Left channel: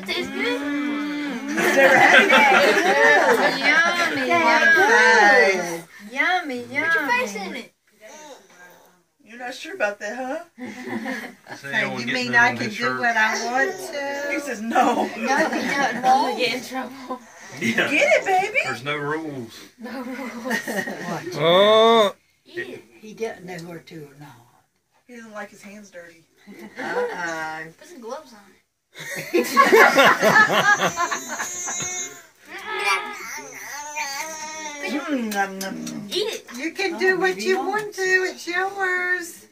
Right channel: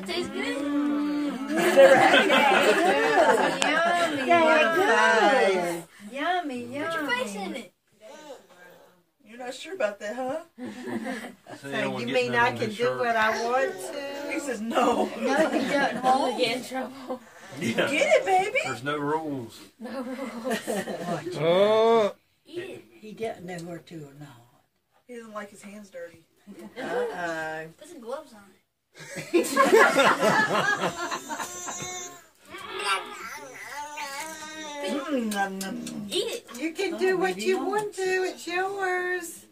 That tastes good. He's never had Yummy, yummy. Yummy, yummy. Put your face in it. You're not sure about that, huh? So you mean I can do what I want to? He says no. No, you don't. We'll get in trouble. Yeah. Get it, baby. There's no rules. No rules. Oh. Eat it. He doesn't know where to or not. He doesn't like his hands dirty. Put some gloves on it. Eat it. You can do what you want to. It's yours.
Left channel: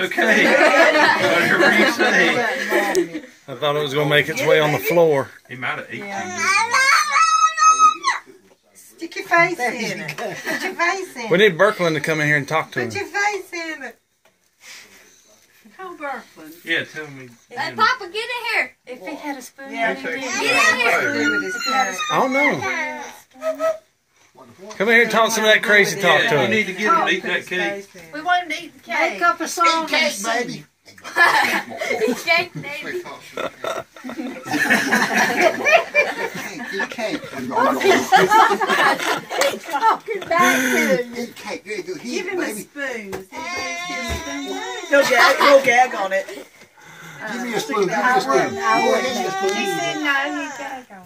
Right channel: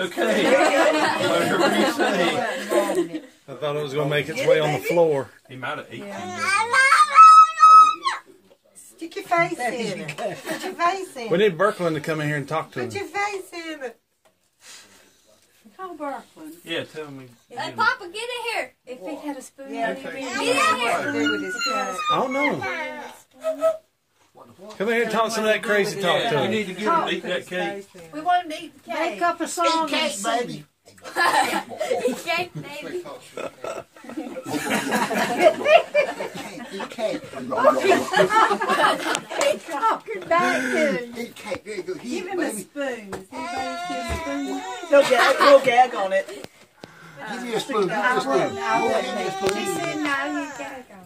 Okay. Whatever you say. I thought it was going to make its way on the floor. He might have eaten. Stick your face in it. Put your face in We it. need Birkeland to come in here and talk to Put your him. face in it. Call Birkeland. Yeah, tell me. Hey, Papa, get in here. If he had a spoon, Yeah, he'd okay. do Get in here. do with his carrot. I don't know. Come in here and talk some of that crazy talk Yeah, to you him. need to get him to eat that cake. We want him to eat the cake. Make up a song and sing. Eat cake, baby. Eat cake. Talking back to you. Eat cake. There you go. Give Eat, him a baby. spoon. Is anybody give him a spoon? He'll gag on it. Give me a spoon. Give me a spoon. Give me a spoon. She said no, he'd gag on it.